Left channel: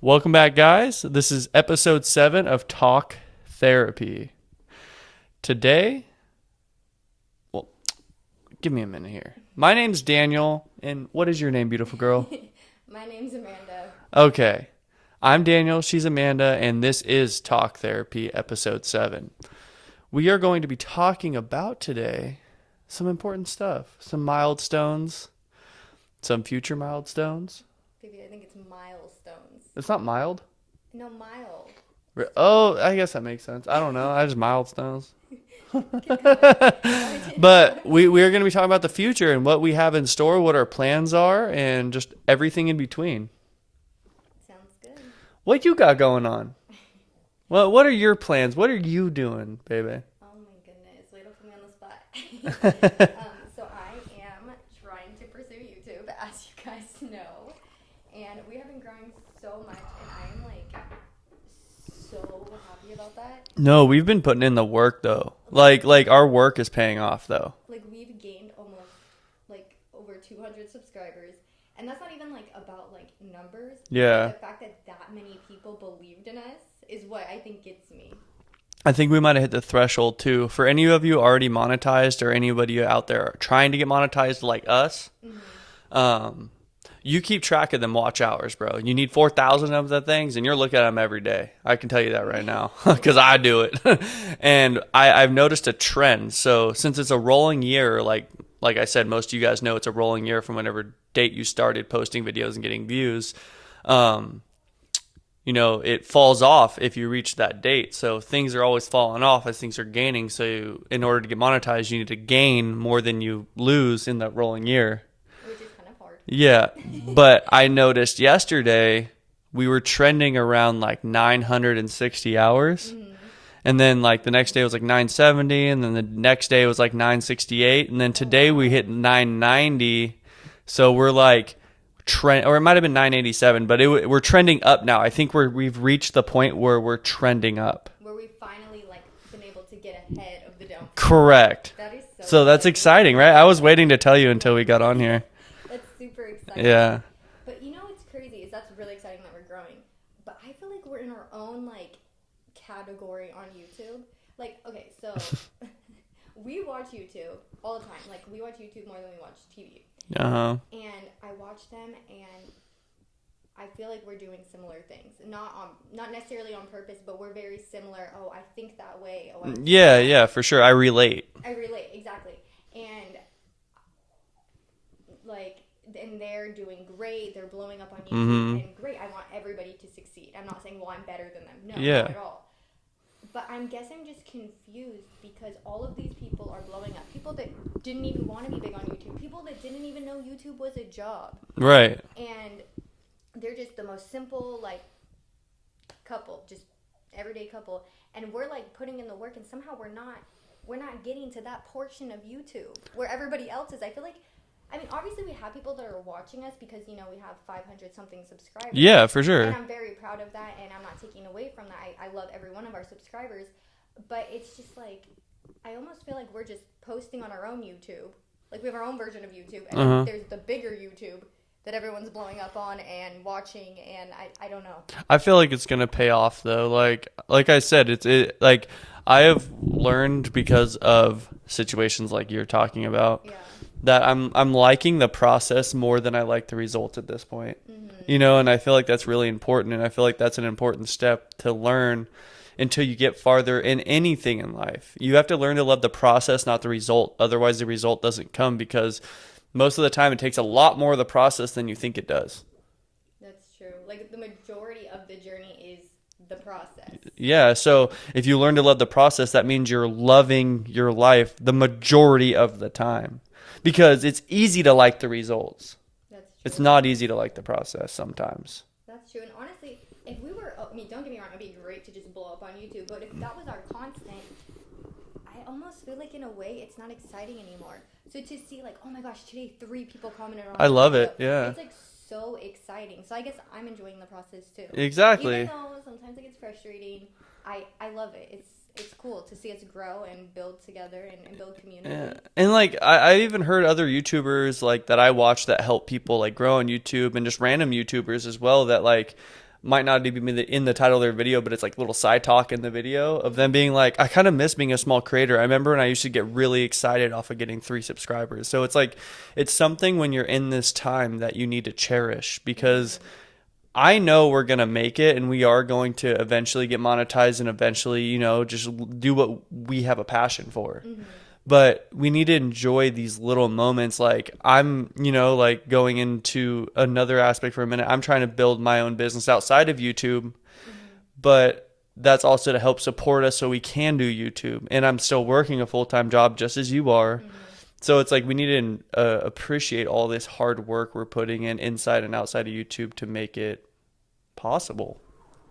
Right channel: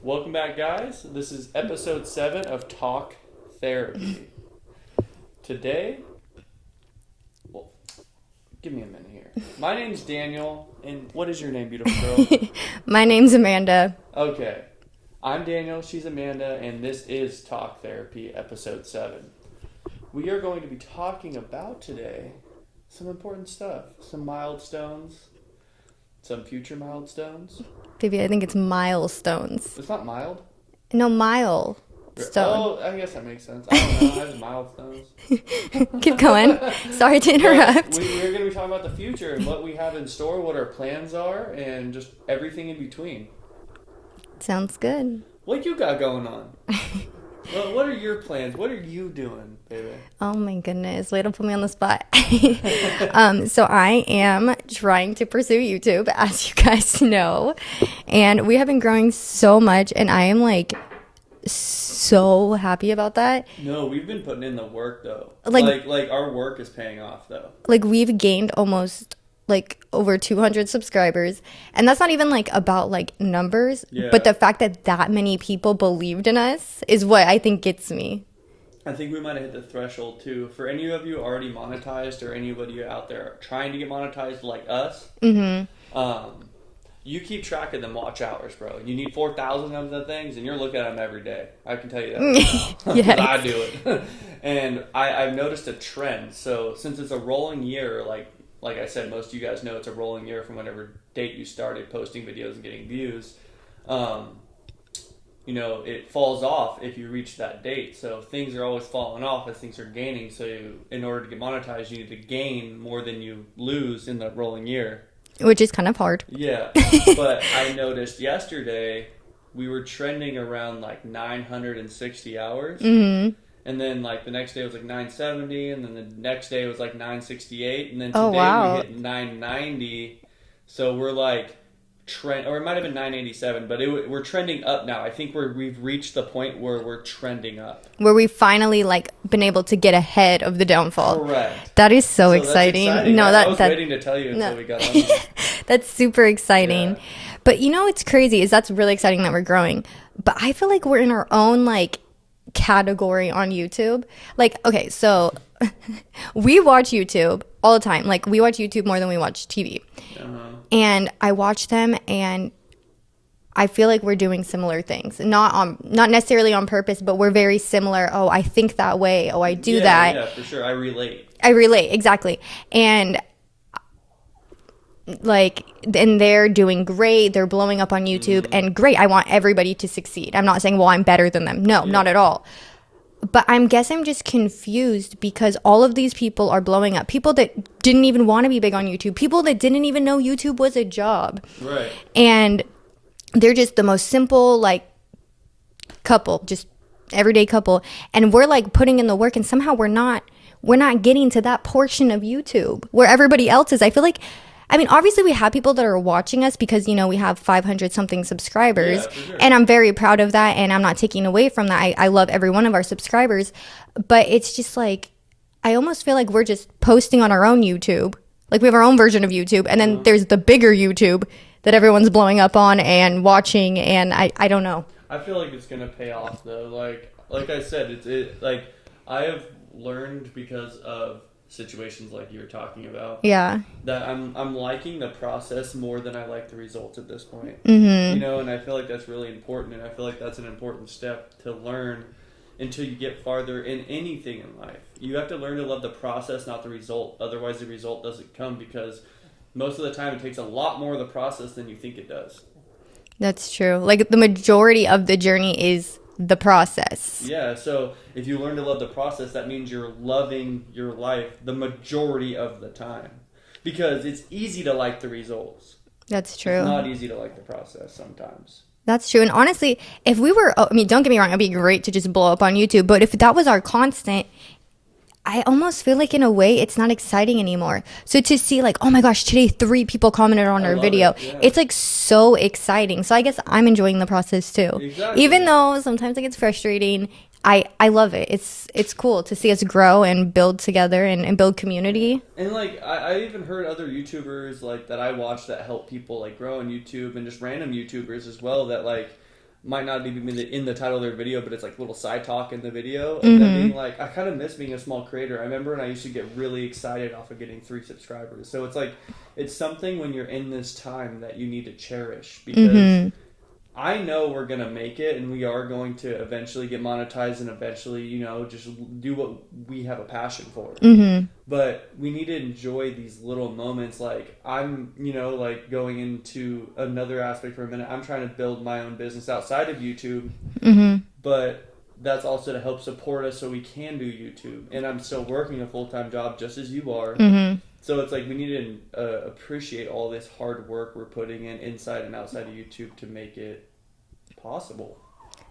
Welcome back, guys. This is episode 7 of Talk Therapy. Today, well, give me a minute here. My name's Daniel, and what is your name, beautiful girl? My name's Amanda. Okay. I'm Daniel, she's Amanda, and this is Talk Therapy, episode 7. We are going to be talking about today some important stuff, some milestones, some future milestones. Baby, I think it's milestones. It's not mild. No, mile. Oh, I guess that makes sense. I don't know. I just milestones. Keep going. Sorry to interrupt. But we are going to be talking about the future and what we have in store, what our plans are, and just everything in between. Sounds good. What you got going on? Well, what are your plans? What are you doing, baby? Oh my goodness. Way to put me on the spot. So I am trying to pursue YouTube, as you guys know. And we have been growing so much, and I am like so happy about that. No, we've been putting in the work though. Like- Like our work is paying off though. Like we've gained almost like over 200 subscribers, and that's not even like about like numbers, Yeah. but the fact that that many people believed in us is what I think gets me. I think we might have hit the threshold too. For any of you already monetized or anybody out there trying to get monetized like us, you keep track of them watch hours, bro. You need 4,000 of the things, and you're looking at them every day. I can tell you that right now because Yes. I do it. And I've noticed a trend. So since it's a rolling year, like I said, most of you guys know it's a rolling year from whenever date you started posting videos and getting views. It falls off if you reach that date. So things are always falling off as things are gaining. So in order to get monetized, you need to gain more than you lose in that rolling year. Which is kind of hard. Yeah. But I noticed yesterday we were trending around like 960 hours. Mm-hmm. And then like the next day was like 970. And then the next day was like 968. And then Oh, today we wow. hit 990. So we're like or it might have been 987, but we're trending up now. I think we've reached the point where we're trending up. Where we finally like been able to get ahead of the downfall. Correct. That is so exciting. That's exciting, No, right? that- I was that- waiting to tell you until we got on here. That's super exciting. Yeah. But you know what's crazy is that's really exciting that we're growing. But I feel like we're in our own like category on YouTube. Like, okay, so we watch YouTube all the time. Like we watch YouTube more than we watch TV. Uh-huh. And I watch them and I feel like we're doing similar things. Not necessarily on purpose, but we're very similar. Oh, I think that way. Oh, I do that. Yeah, for sure. I relate. I relate, exactly. And like, and they're doing great. They're blowing up on YouTube and great. I want everybody to succeed. I'm not saying, well, I'm better than them. No, Yeah. not at all. But I'm just confused because all of these people are blowing up. People that didn't even want to be big on YouTube. People that didn't even know YouTube was a job. Right. And they're just the most simple, like, couple, just everyday couple. And we're like putting in the work and somehow we're not getting to that portion of YouTube where everybody else is. I feel like, I mean, obviously we have people that are watching us because, you know, we have 500 something subscribers. Yeah, for sure. And I'm very proud of that. And I'm not taking away from that. I love every one of our subscribers. But it's just like, I almost feel like we're just posting on our own YouTube. Like we have our own version of YouTube. And then there's the bigger YouTube that everyone's blowing up on and watching. And I don't know. I feel like it's gonna pay off though. Like I said, like I have learned because of situations like you're talking about. Yeah. That I'm liking the process more than I like the results at this point. Mm-hmm. You know, and I feel like that's really important, and I feel like that's an important step to learn until you get farther in anything in life. You have to learn to love the process, not the result. Otherwise, the result doesn't come because most of the time it takes a lot more of the process than you think it does. That's true. Like the majority of the journey is the process. Yeah, so if you learn to love the process, that means you're loving your life the majority of the time. Because it's easy to like the results. That's true. It's not easy to like the process sometimes. That's true. And honestly, if we were, I mean, don't get me wrong, it'd be great to just blow up on YouTube. But if that was our constant, I almost feel like in a way it's not exciting anymore. So to see like, oh my gosh, today 3 people commented on I our love video. it, yeah. It's like so exciting. So I guess I'm enjoying the process too. Exactly. Even though sometimes it gets frustrating, I love it. It's cool to see us grow and build together and build community. And like I even heard other YouTubers like that I watch that help people like grow on YouTube, and just random YouTubers as well, that like might not even be in the title of their video, but it's like little side talk in the video of them being like, I kind of miss being a small creator. I remember when I used to get really excited off of getting 3 subscribers. So it's like, it's something when you're in this time that you need to cherish, because I know we're going to make it, and we are going to eventually get monetized and eventually, you know, just do what we have a passion for. But we need to enjoy these little moments. Like, I'm, you know, like going into another aspect for a minute. I'm trying to build my own business outside of YouTube, but that's also to help support us so we can do YouTube. And I'm still working a full-time job just as you are. So it's like we need to appreciate all this hard work we're putting in inside and outside of YouTube to make it possible.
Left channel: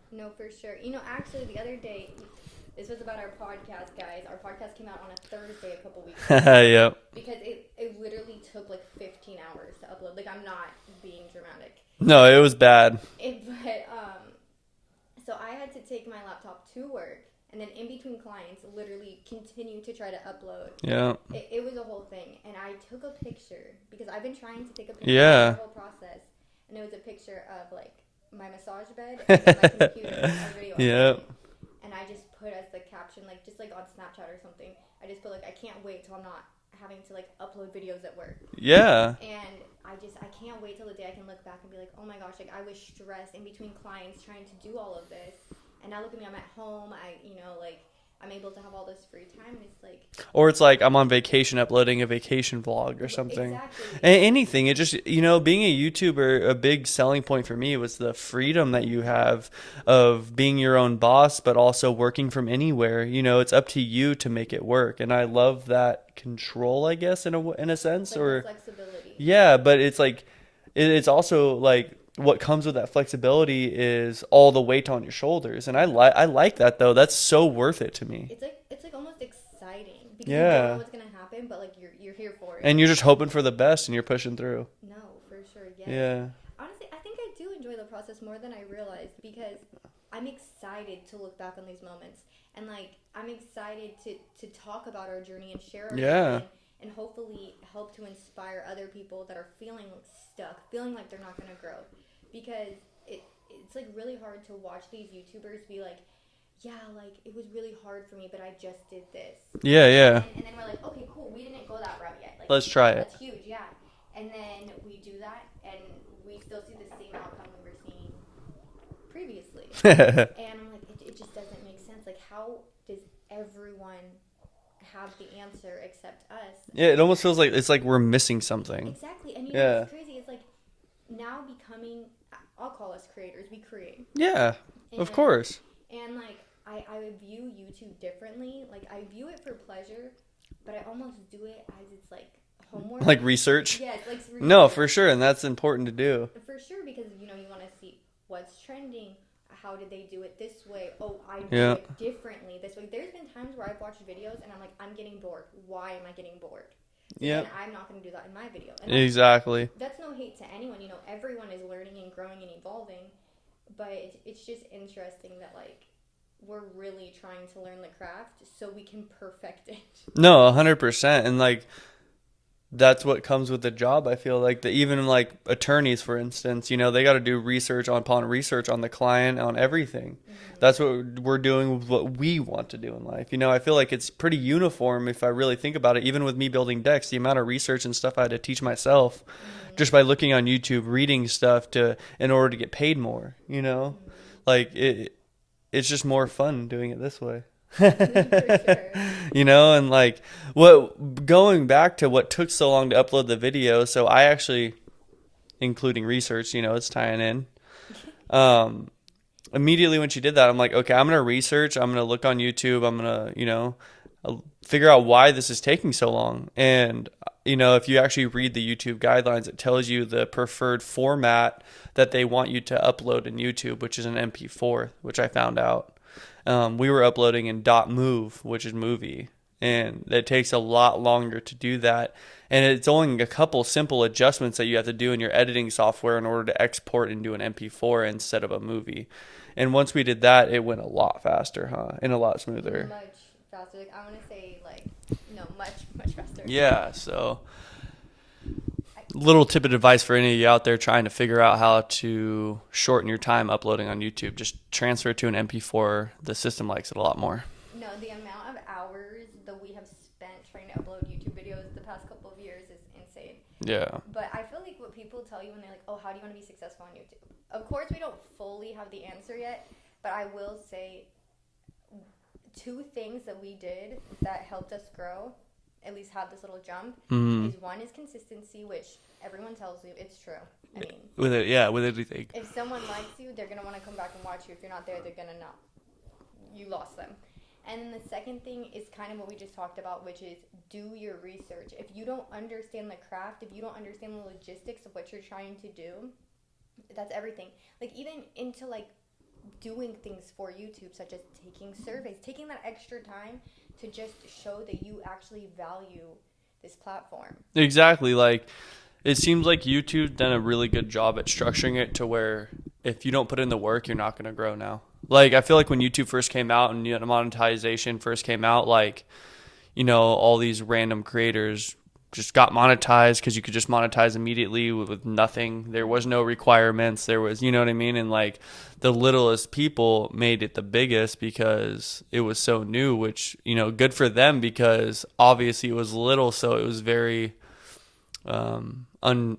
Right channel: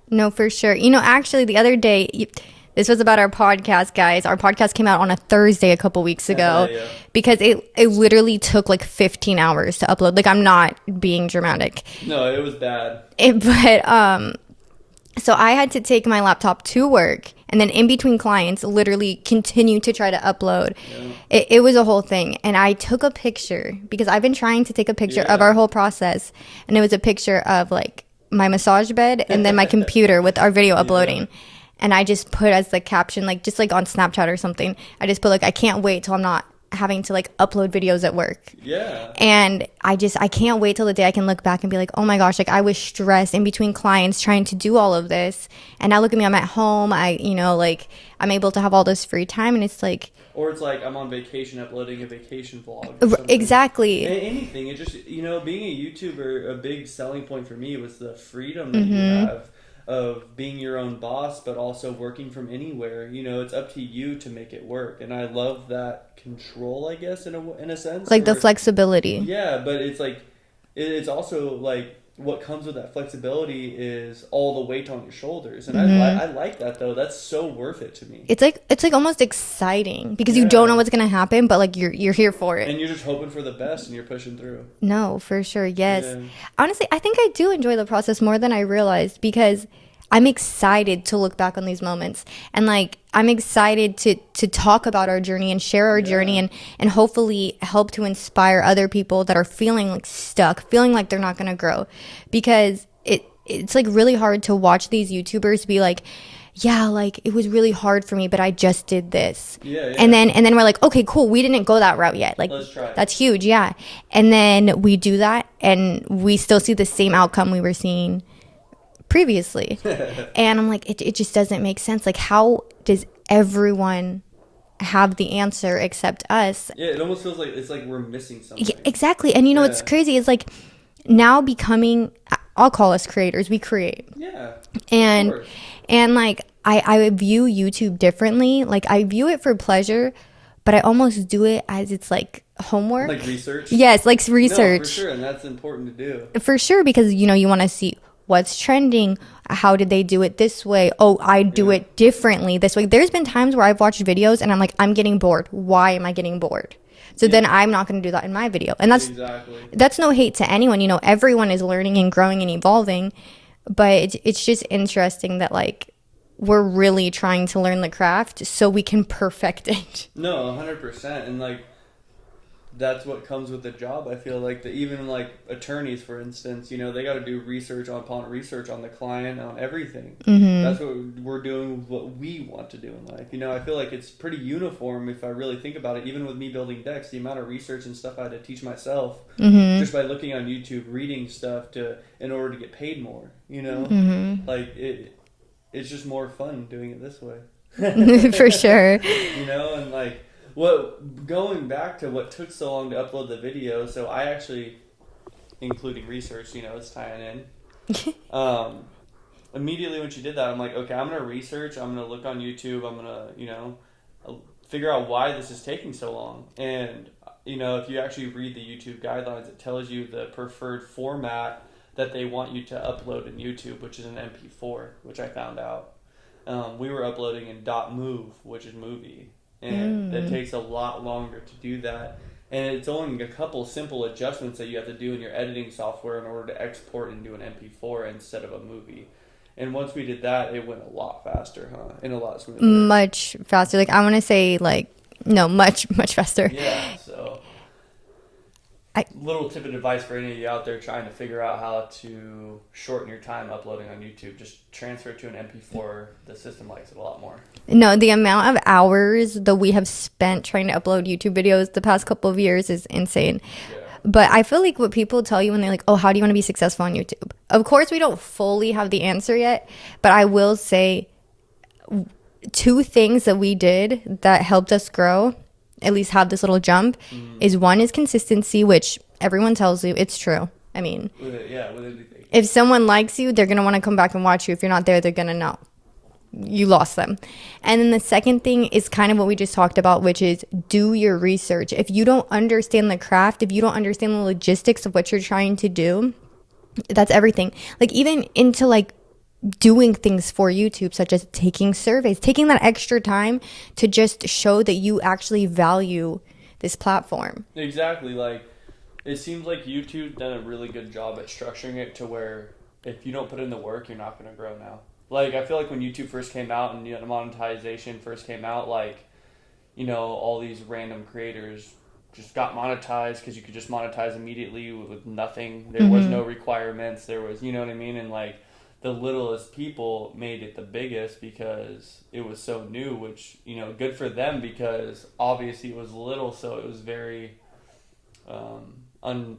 No, for sure. You know, actually, the other day, this was about our podcast, guys. Our podcast came out on a Thursday a couple weeks ago. Yep. Because it literally took like 15 hours to upload. Like, I'm not being dramatic. No, it was bad. So I had to take my laptop to work, and then in between clients, literally continue to try to upload. Yeah. It was a whole thing. And I took a picture, because I've been trying to take a picture of our whole process. And it was a picture of like my massage bed and then my computer with our video uploading. And I just put as the caption, like just like on Snapchat or something, I just put like, I can't wait till I'm not having to like upload videos at work. Yeah. And I can't wait till the day I can look back and be like, oh my gosh, like I was stressed in between clients trying to do all of this. And now look at me, I'm at home. I'm able to have all this free time, and it's like, or it's like I'm on vacation uploading a vacation vlog or something. Exactly. Anything. It just, you know, being a YouTuber, a big selling point for me was the freedom that you have of being your own boss, but also working from anywhere. You know, it's up to you to make it work. And I love that control, I guess, in a sense. Like the flexibility. Yeah, but it's like, it's also like, what comes with that flexibility is all the weight on your shoulders, and I like that though. That's so worth it to me. It's like almost exciting, because you don't know what's gonna happen, but like you're here for it, and you're just hoping for the best, and you're pushing through. No, for sure, yes. Honestly, I think I do enjoy the process more than I realized, because I'm excited to look back on these moments, and like I'm excited to talk about our journey and share our journey, and hopefully help to inspire other people that are feeling like stuck, feeling like they're not going to grow, because it's like really hard to watch these YouTubers be like, yeah, like it was really hard for me, but I just did this. Yeah. And then we're like, okay, cool. We didn't go that route yet. Like, let's try it. That's huge. Yeah. And then we do that, and we still see the same outcome we were seeing previously. And I'm like, it just doesn't make sense. Like, how does everyone have the answer except us? Yeah, it almost feels like it's like we're missing something. Yeah, exactly. And you know what's crazy is like now becoming, I'll call us creators, we create. Yeah, and of course. And like I view YouTube differently. Like I view it for pleasure, but I almost do it as it's like homework, like research. Yes, like research. No, for sure. And that's important to do, for sure, because you know you want to see what's trending. How did they do it this way? Oh, I do it differently this way. There's been times where I've watched videos and I'm like, I'm getting bored. Why am I getting bored? So then I'm not going to do that in my video. And that's no hate to anyone. You know, everyone is learning and growing and evolving. But it's just interesting that like we're really trying to learn the craft so we can perfect it. No, 100%. And like, that's what comes with the job. I feel like that even like attorneys, for instance, you know, they got to do research upon research on the client, on everything. That's what we're doing with what we want to do in life. You know, I feel like it's pretty uniform if I really think about it. Even with me building decks, the amount of research and stuff I had to teach myself just by looking on YouTube, reading stuff in order to get paid more, you know, like it's just more fun doing it this way. For sure. You know, and like going back to what took so long to upload the video, so I actually, including research, you know, it's tying in. Immediately when she did that, I'm like, okay, I'm gonna research, I'm gonna look on YouTube, I'm gonna, you know, figure out why this is taking so long. And you know, if you actually read the YouTube guidelines, it tells you the preferred format that they want you to upload in YouTube, which is an MP4, which I found out. We were uploading in .mov, which is movie, and it takes a lot longer to do that. And it's only a couple simple adjustments that you have to do in your editing software in order to export into an MP4 instead of a movie. And once we did that, it went a lot faster, and a lot smoother. Much faster. Like I want to say, like no, much faster. Yeah. So Little tip of advice for any of you out there trying to figure out how to shorten your time uploading on YouTube. Just transfer it to an MP4. The system likes it a lot more. No, the amount of hours that we have spent trying to upload YouTube videos the past couple of years is insane. Yeah. But I feel like what people tell you when they're like, oh, how do you want to be successful on YouTube? Of course, we don't fully have the answer yet, but I will say 2 things that we did that helped us grow, at least have this little jump, is one is consistency, which everyone tells you it's true. I mean, with anything. If someone likes you, they're going to want to come back and watch you. If you're not there, they're going to know you lost them. And then the second thing is kind of what we just talked about, which is do your research. If you don't understand the craft, if you don't understand the logistics of what you're trying to do, that's everything. Like even into like doing things for YouTube, such as taking surveys, taking that extra time to just show that you actually value this platform. Exactly. Like it seems like YouTube's done a really good job at structuring it to where if you don't put in the work, you're not going to grow now. Like I feel like when YouTube first came out and monetization first came out, like, you know, all these random creators just got monetized because you could just monetize immediately with nothing. There was no requirements. There was, you know what I mean? And like the littlest people made it the biggest because it was so new, which, you know, good for them because obviously it was little. So it was very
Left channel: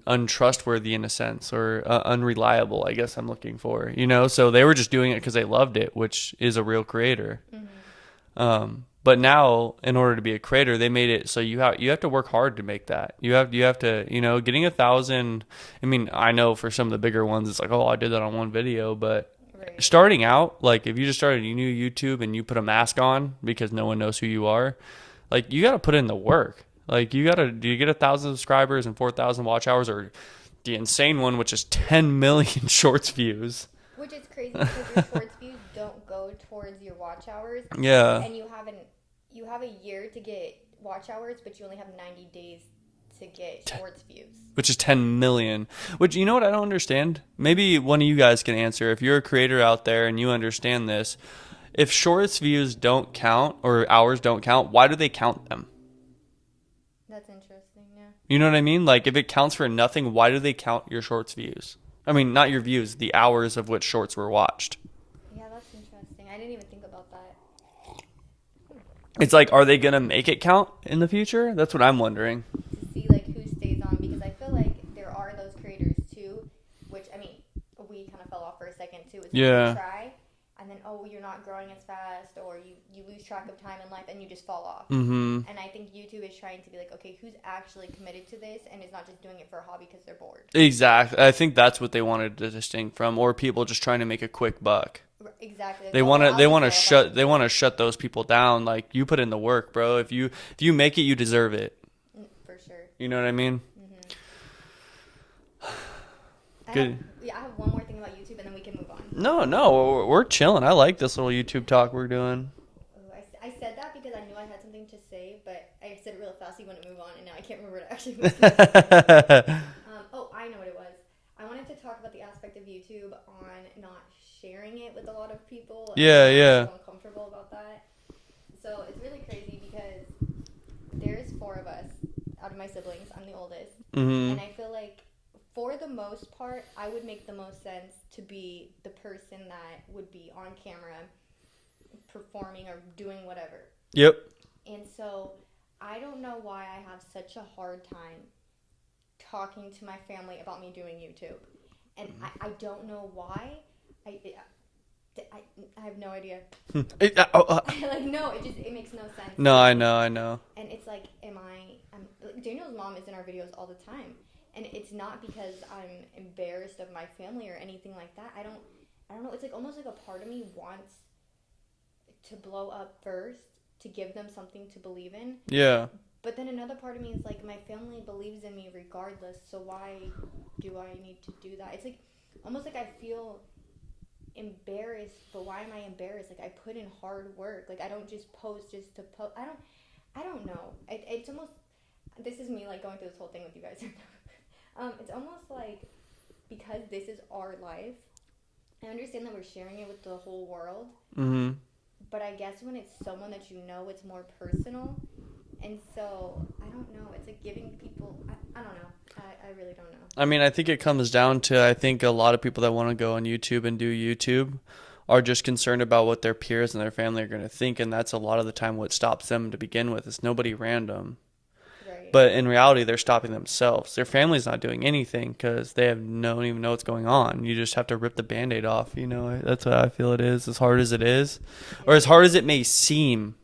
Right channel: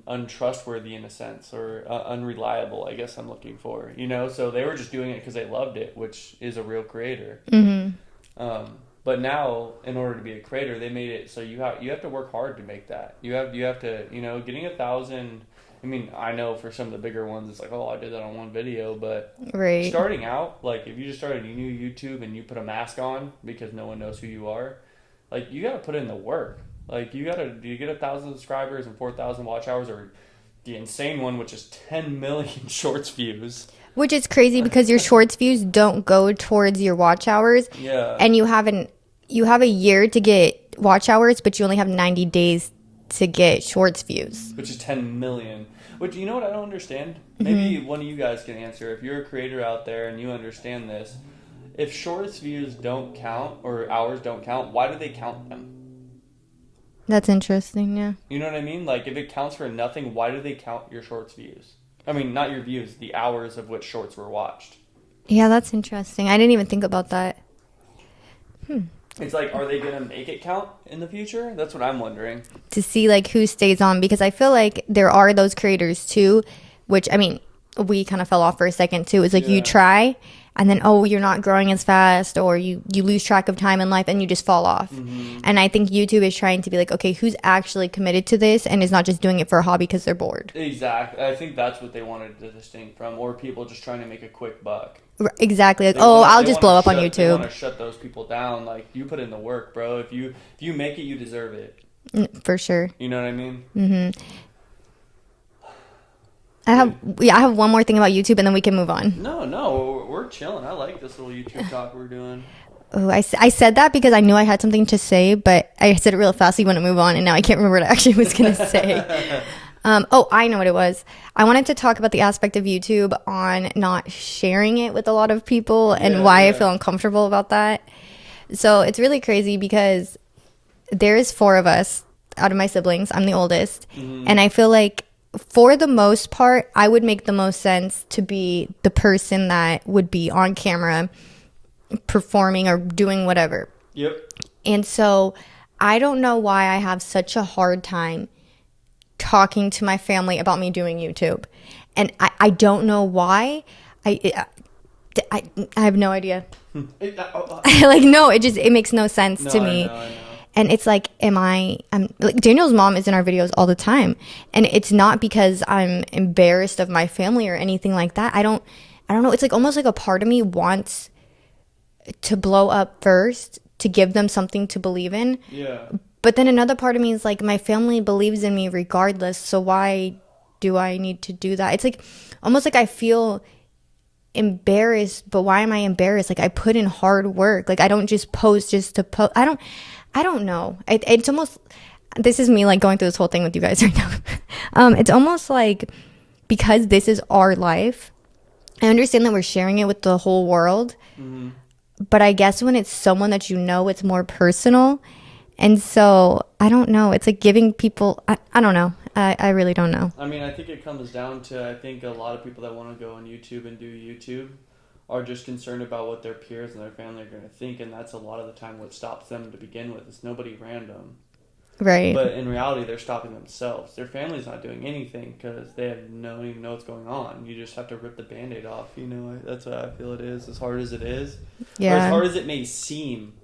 untrustworthy in a sense, or unreliable, I guess I'm looking for, you know. So they were just doing it because they loved it, which is a real creator. But now in order to be a creator, they made it so you have to work hard to make that. You have to, you know, getting 1,000. I mean, I know for some of the bigger ones it's like, oh, I did that on one video, but right. Starting out, like if you just started a new YouTube and you put a mask on because no one knows who you are, like you got to put in the work. Like do you get 1,000 subscribers and 4,000 watch hours, or the insane one, which is 10 million shorts views? Which is crazy because your shorts views don't go towards your watch hours. Yeah. And you have a year to get watch hours, but you only have 90 days to get shorts views. Which is 10 million. Which, you know what I don't understand? Maybe one of you guys can answer. If you're a creator out there and you understand this, if shorts views don't count or hours don't count, why do they count them? That's interesting, yeah. You know what I mean? Like, if it counts for nothing, why do they count your shorts views? I mean, not your views, the hours of which shorts were watched. Yeah, that's interesting. I didn't even think about that. It's like, are they going to make it count in the future? That's what I'm wondering. To see, like, who stays on. Because I feel like there are those creators, too, which, I mean, we kind of fell off for a second, too. It's like you try, and then, oh, you're not growing as fast, or you lose track of time in life, and you just fall off. And I think YouTube is trying to be like, okay, who's actually committed to this and is not just doing it for a hobby because they're bored. Exactly. I think that's what they wanted to distinct from, or people just trying to make a quick buck. Exactly. Like, I'll just blow up on YouTube. They want to shut those people down. Like, you put in the work, bro. If you make it, you deserve it. For sure. You know what I mean? Mm-hmm. I have one more thing about YouTube, and then we can move on. No, we're chilling. I like this little YouTube talk we're doing. Oh, I said that because I knew I had something to say, but I said it real fast so you want to move on, and now I can't remember what I actually was going to say. I know what it was. I wanted to talk about the aspect of YouTube on not sharing it with a lot of people and why I feel uncomfortable about that. So it's really crazy because there's 4 of us out of my siblings. I'm the oldest. And I feel like for the most part, I would make the most sense to be the person that would be on camera performing or doing whatever. Yep. And so I don't know why I have such a hard time talking to my family about me doing YouTube. And I don't know why. I have no idea. Like, no, it makes no sense to me. I know. And it's like, I'm like, Daniel's mom is in our videos all the time. And it's not because I'm embarrassed of my family or anything like that. I don't know. It's like almost like a part of me wants to blow up first to give them something to believe in. Yeah. But then another part of me is like, my family believes in me regardless. So why do I need to do that? It's like almost like I feel embarrassed, but why am I embarrassed? Like, I put in hard work. Like, I don't just post just to post. I don't know. It's almost, this is me like going through this whole thing with you guys right now. It's almost like because this is our life, I understand that we're sharing it with the whole world. But I guess when it's someone that you know, it's more personal. And so I don't know. It's like giving people, I don't know. I really don't know. I mean, I think it comes down to, I think a lot of people that want to go on YouTube and do YouTube are just concerned about what their peers and their family are going to think. And that's a lot of the time what stops them to begin with. It's nobody random. Right. But in reality, they're stopping themselves. Their family's not doing anything because they don't even know what's going on. You just have to rip the Band-Aid off. You know, that's what I feel it is. As hard as it is, or as hard as it may seem,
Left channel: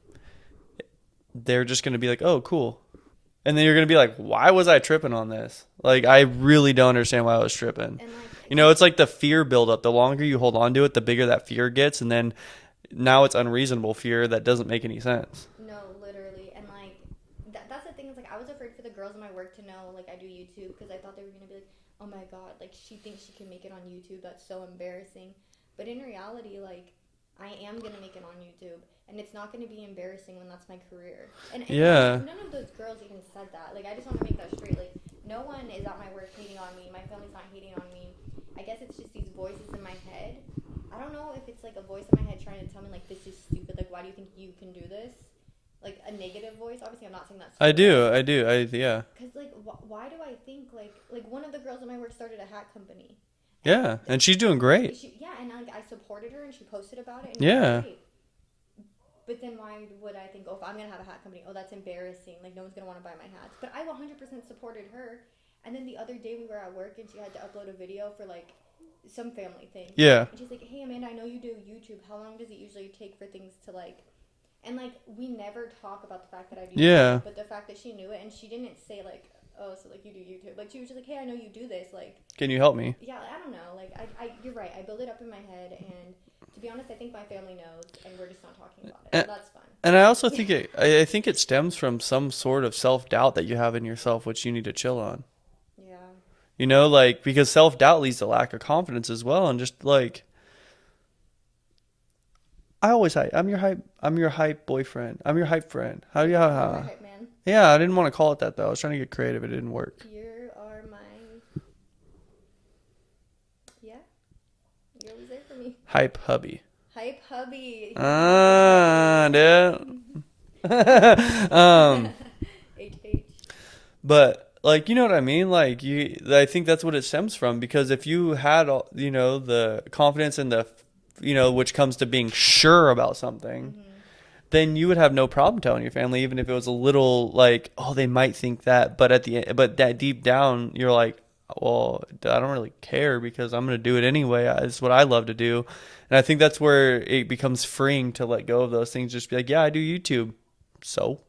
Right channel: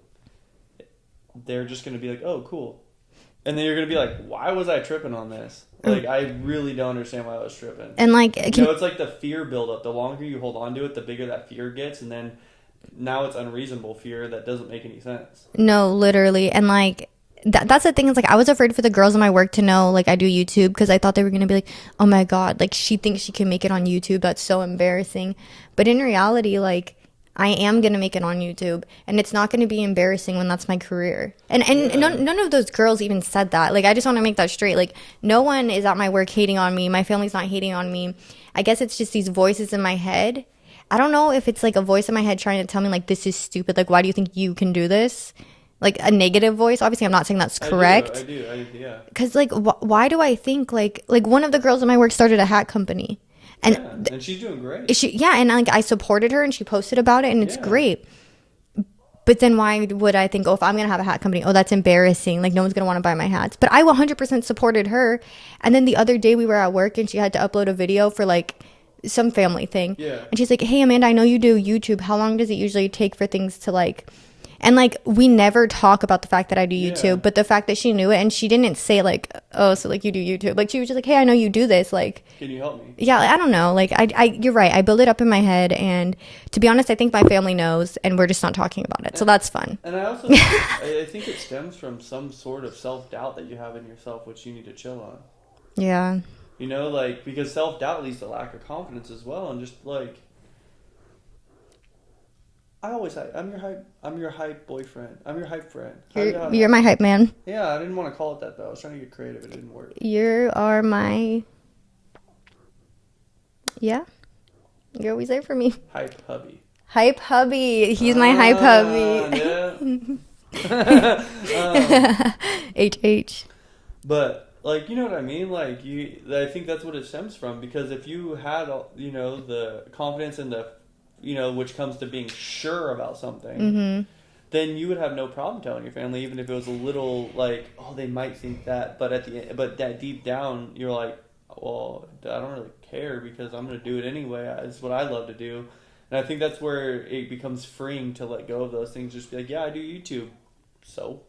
they're just going to be like, oh, cool. And then you're going to be like, why was I tripping on this? Like, I really don't understand why I was tripping. And like, you know, it's like the fear buildup. The longer you hold on to it, the bigger that fear gets. And then now it's unreasonable fear that doesn't make any sense. No, literally. And like, that's the thing, is like, I was afraid for the girls in my work to know like I do YouTube, because I thought they were going to be like, oh my God, like she thinks she can make it on YouTube. That's so embarrassing. But in reality, like, I am going to make it on YouTube, and it's not going to be embarrassing when that's my career. And none of those girls even said that. Like, I just want to make that straight. Like, no one is at my work hating on me. My family's not hating on me. I guess it's just these voices in my head. I don't know if it's like a voice in my head trying to tell me like, this is stupid. Like, why do you think you can do this? Like a negative voice. Obviously, I'm not saying that's correct. I do. Yeah. Because like, why do I think like one of the girls in my work started a hat company. And she's doing great. And like I supported her, and she posted about it, and it's great. But then why would I think, oh, if I'm going to have a hat company, oh, that's embarrassing. Like, no one's going to want to buy my hats. But I 100% supported her. And then the other day we were at work, and she had to upload a video for like some family thing. Yeah. And she's like, hey, Amanda, I know you do YouTube. How long does it usually take for things to like... And like, we never talk about the fact that I do YouTube, but the fact that she knew it, and she didn't say like, oh, so like you do YouTube. Like, she was just like, hey, I know you do this. Like, can you help me? Yeah, I don't know. Like, you're right. I build it up in my head, and to be honest, I think my family knows, and we're just not talking about it. So that's fun. And I also think I think it stems from some sort of self-doubt that you have in yourself, which you need to chill on. Yeah. You know, like, because self-doubt leads to lack of confidence as well, and just like, I always hype. I'm your hype boyfriend. I'm your hype friend. You're my hype man. Yeah, I didn't want to call it that though. I was trying to get creative. It didn't work. You are my... Yeah. You're always there for me. Hype hubby. Hype hubby. He's my hype hubby. Yeah. HH. But like, you know what I mean? Like, I think that's what it stems from, because if you had, you know, the confidence and the, you know, which comes to being sure about something, then you would have no problem telling your family, even if it was a little like, oh, they might think that, but but that deep down, you're like, well, I don't really care, because I'm going to do it anyway. It's what I love to do. And I think that's where it becomes freeing to let go of those things. Just be like, yeah, I do YouTube. So.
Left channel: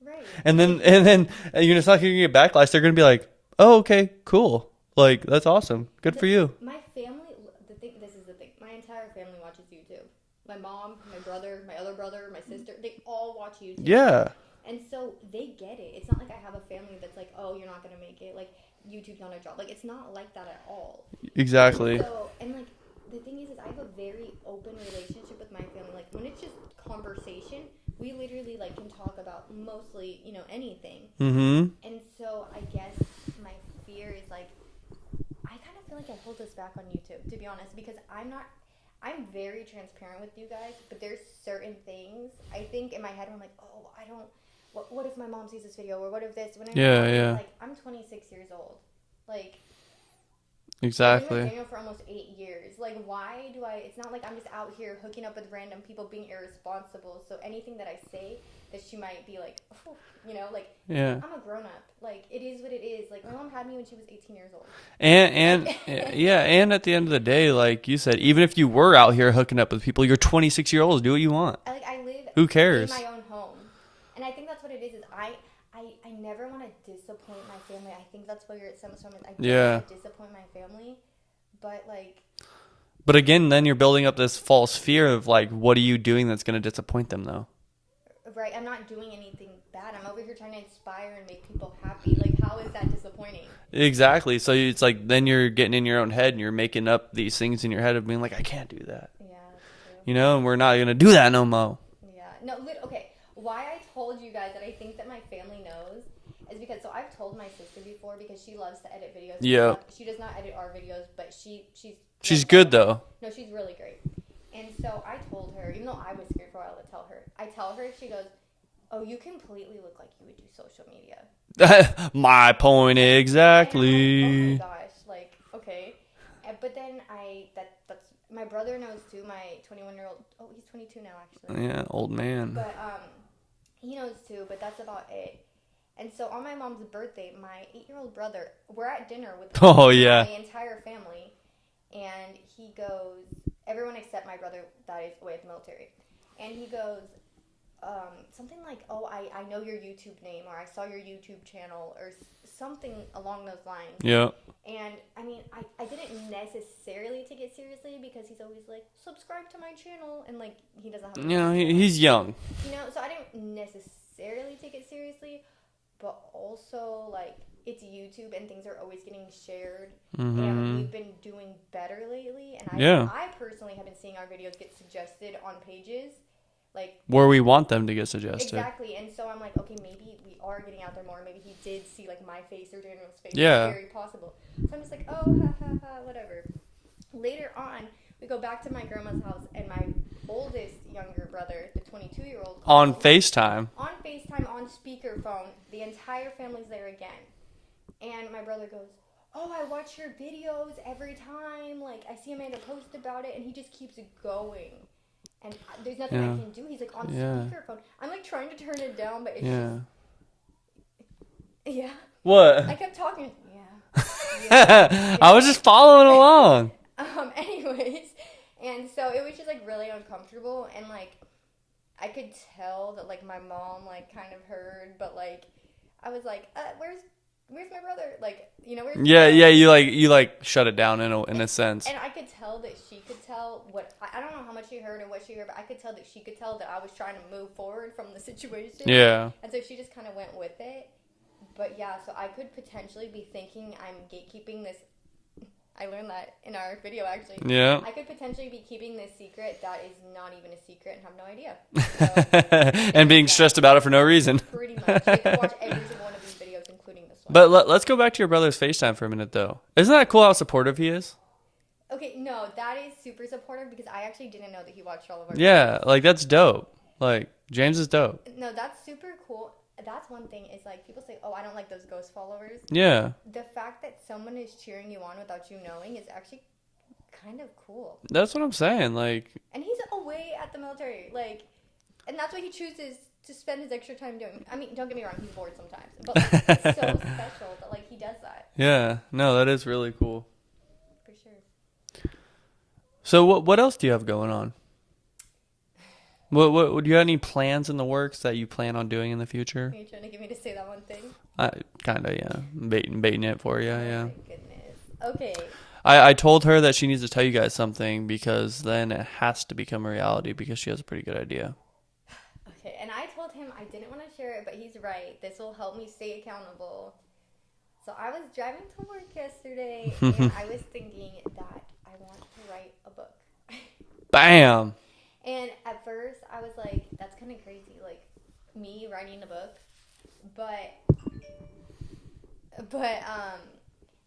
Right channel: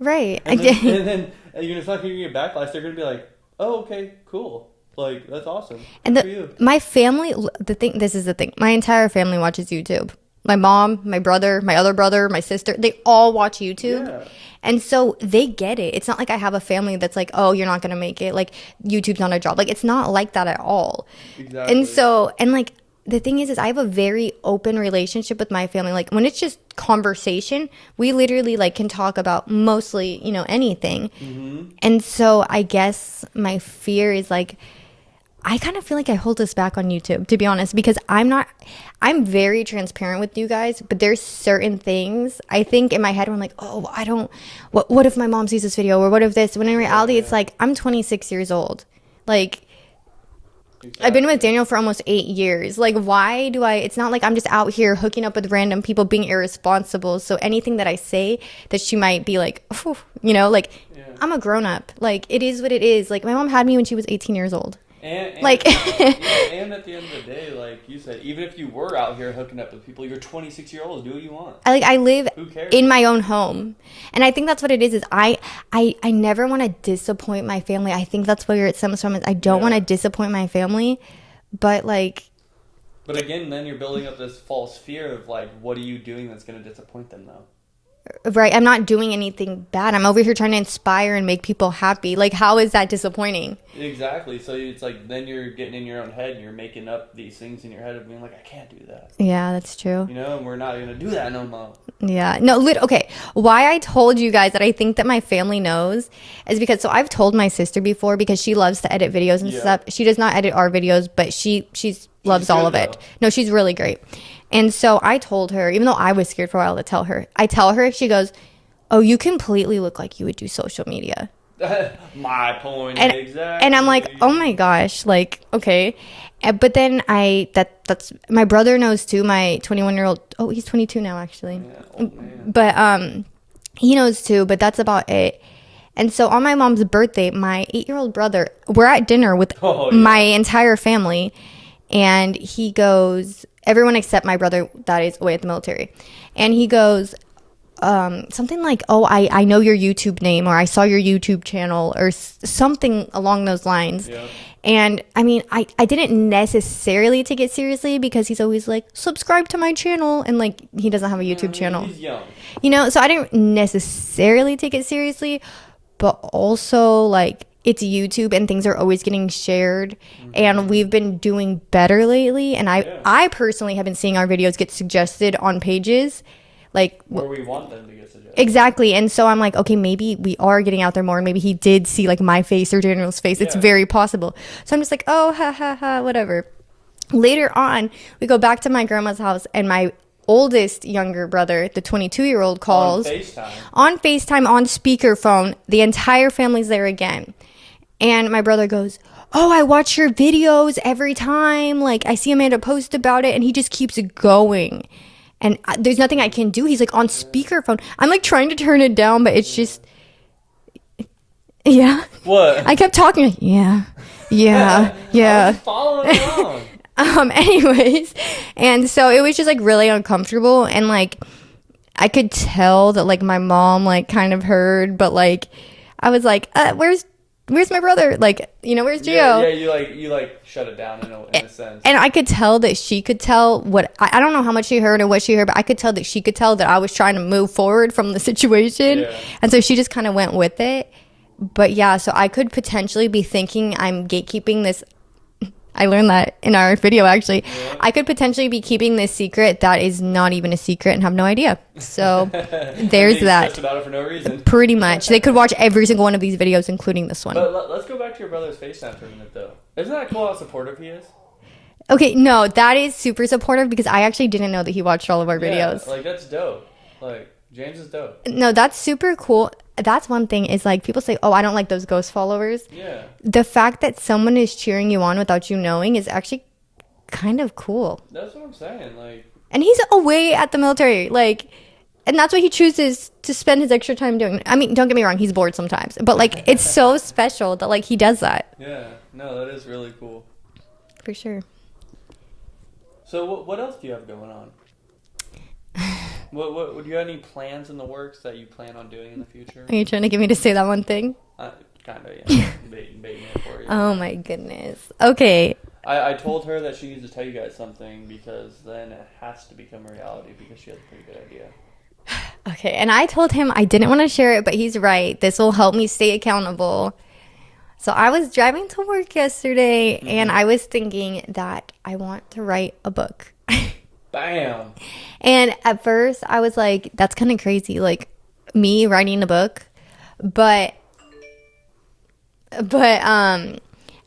Right. And then you're just not going to get backlash. They're going to be like, oh, okay, cool. Like, that's awesome. Good for you. My family, this is the thing. My entire family watches YouTube. My mom, my brother, my other brother, my sister, they all watch YouTube. Yeah. And so they get it. It's not like I have a family that's like, oh, you're not going to make it. Like, YouTube's not a job. Like, it's not like that at all. Exactly. And so, and like, the thing is I have a very open relationship with my family. Like, when it's just conversation, we literally like can talk about mostly, you know, anything. And so I guess my fear is like, I kind of feel like I hold us back on YouTube, to be honest, because I'm very transparent with you guys, but there's certain things I think in my head where I'm like, oh, what if my mom sees this video, or what if this, when in reality it's like, I'm 26 years old. Like, exactly. I've been with Daniel for almost 8 years. Like, why do it's not like I'm just out here hooking up with random people being irresponsible. So anything that I say that she might be like, oh, you know, like, I'm a grown up. Like, it is what it is. Like, my mom had me when she was 18 years old. And like, and at the end of the day, like you said, even if you were out here hooking up with people, you're 26-year-olds. Do what you want. I live Who cares? In my own home. And I think that's what it is I never want to disappoint my family. I think that's where it stems from, is I don't want to disappoint my family. But like... But again, then you're building up this false fear of like, what are you doing that's going to disappoint them though? Right. I'm not doing anything bad. I'm over here trying to inspire and make people happy. Like, how is that disappointing? Exactly. So it's like, then you're getting in your own head and you're making up these things in your head of being like, I can't do that. Yeah, that's true. You know, and we're not going to do that no more. Yeah. No, okay. Why I told you guys that I think that my family knows is because, so I've told my sister before, because she loves to edit videos and stuff. She does not edit our videos, but she loves all of it. No, she's really great. And so I told her, even though I was scared for a while to tell her, she goes, oh, you completely look like you would do social media. My point exactly. And I'm like, oh my gosh, like, okay. But then that's my brother knows too, my 21-year-old. Oh, he's 22 now, actually. Yeah, old man. But he knows too, but that's about it. And so on my mom's birthday, my 8-year-old brother, we're at dinner with my entire family. And he goes, everyone except my brother that is away at the military. And he goes, something like, oh, I know your YouTube name, or I saw your YouTube channel, or something along those lines. Yeah. And I mean, I didn't necessarily take it seriously because he's always like, subscribe to my channel. And like, he doesn't have a YouTube channel. He's young. You know, so I didn't necessarily take it seriously, but also like, it's YouTube and things are always getting shared. And we've been doing better lately. And I personally have been seeing our videos get suggested on pages. Like where we want them to get suggested. Exactly. And so I'm like, okay, maybe we are getting out there more. Maybe he did see like my face or Daniel's face. Yeah. It's very possible. So I'm just like, oh, ha, ha, ha, whatever. Later on, we go back to my grandma's house and my oldest younger brother, the 22-year-old, calls. On FaceTime. On speakerphone. The entire family's there again. And my brother goes, oh, I watch your videos every time. Like, I see Amanda post about it, and he just keeps going. And there's nothing I can do. He's like on speakerphone. I'm like trying to turn it down, but it's just, What? I kept talking. Like, yeah. I was just following along. Anyways, and so it was just like really uncomfortable, and like I could tell that like my mom like kind of heard, but like I was like, where's my brother? Like, you know, where's Gio? Yeah, you shut it down in a sense. And I could tell that she could tell what I don't know how much she heard or what she heard, but I could tell that she could tell that I was trying to move forward from the situation. Yeah. And so she just kind of went with it. But yeah, so I could potentially be thinking I'm gatekeeping this. I learned that in our video, actually. Yeah. I could potentially be keeping this secret that is not even a secret and have no idea. So there's and being that. stressed about it for no reason. Pretty much. They could watch every single one of these videos, including this one. But let's go back to your brother's FaceTime for a minute, though. Isn't that cool how supportive he is? Okay, no, that is super supportive because I actually didn't know that he watched all of our videos. Yeah, like that's dope. Like James is dope. No, that's super cool. That's one thing is like people say, oh, I don't like those ghost followers. Yeah. The fact that someone is cheering you on without you knowing is actually kind of cool. That's what I'm saying. Like, and he's away at the military. Like, and that's what he chooses to spend his extra time doing. I mean, don't get me wrong. He's bored sometimes, but like, it's so special that like he does that. Yeah. No, that is really cool. For sure. So what else do you have going on? What do you have any plans in the works that you plan on doing in the future? Are you trying to get me to say that one thing? Kind of, yeah. baiting it for you. Oh, yeah. my goodness. Okay. I told her that she needs to tell you guys something because then it has to become a reality because she has a pretty good idea. Okay. And I told him I didn't want to share it, but he's right. This will help me stay accountable. So I was driving to work yesterday and I was thinking that I want to write a book. Bam. And at first I was like, that's kind of crazy. Like me writing a book, but I'm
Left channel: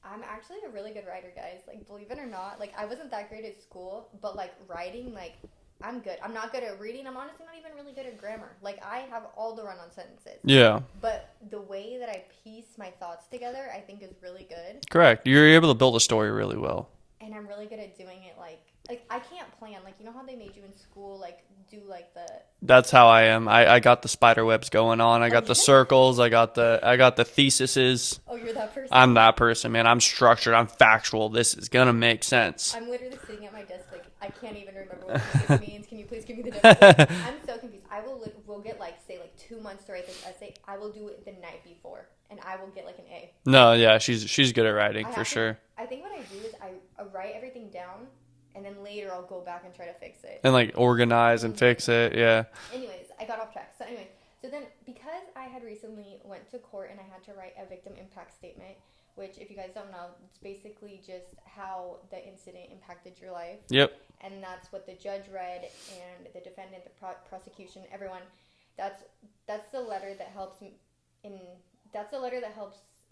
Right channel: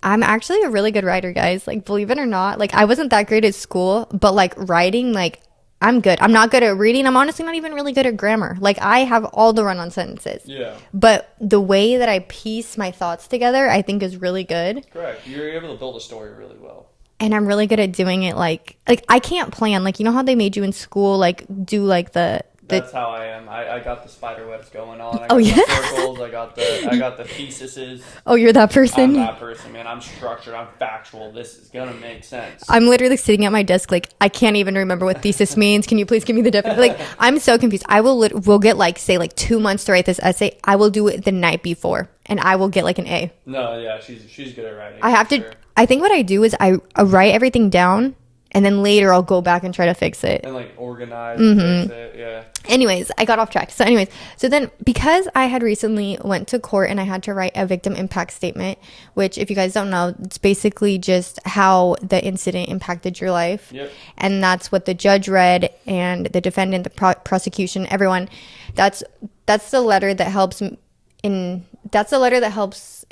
actually a really good writer, guys. Like, believe it or not, like I wasn't that great at school, but like writing, like I'm good. I'm not good at reading. I'm honestly not even really good at grammar. Like I have all the run-on sentences. Yeah. But the way that I piece my thoughts together, I think is really good. Correct. You're able to build a story really well. And I'm really good at doing it like I can't plan. Like, you know how they made you in school, like do like the That's how I am. I got the spider webs going on. I got the circles. I got the theses. Oh, you're that person? I'm that person, man. I'm structured. I'm factual. This is going to make sense. I'm literally sitting at my desk like, I can't even remember what thesis means. Can you please give me the definition? Like, I'm so confused. I will get like, say like 2 months to write this essay. I will do it the night before and I will get like an A. No, yeah, she's good at writing. I have to. Sure. I think what I do is I write everything down. And then later I'll go back and try to fix it. And like organize and fix it. Yeah. Anyways, I got off track. So then because I had recently went to court and I had to write a victim impact statement, which if you guys don't know, it's basically just how the incident impacted your life. Yep. And that's what the judge read and the defendant, the prosecution, everyone. That's the letter that helps in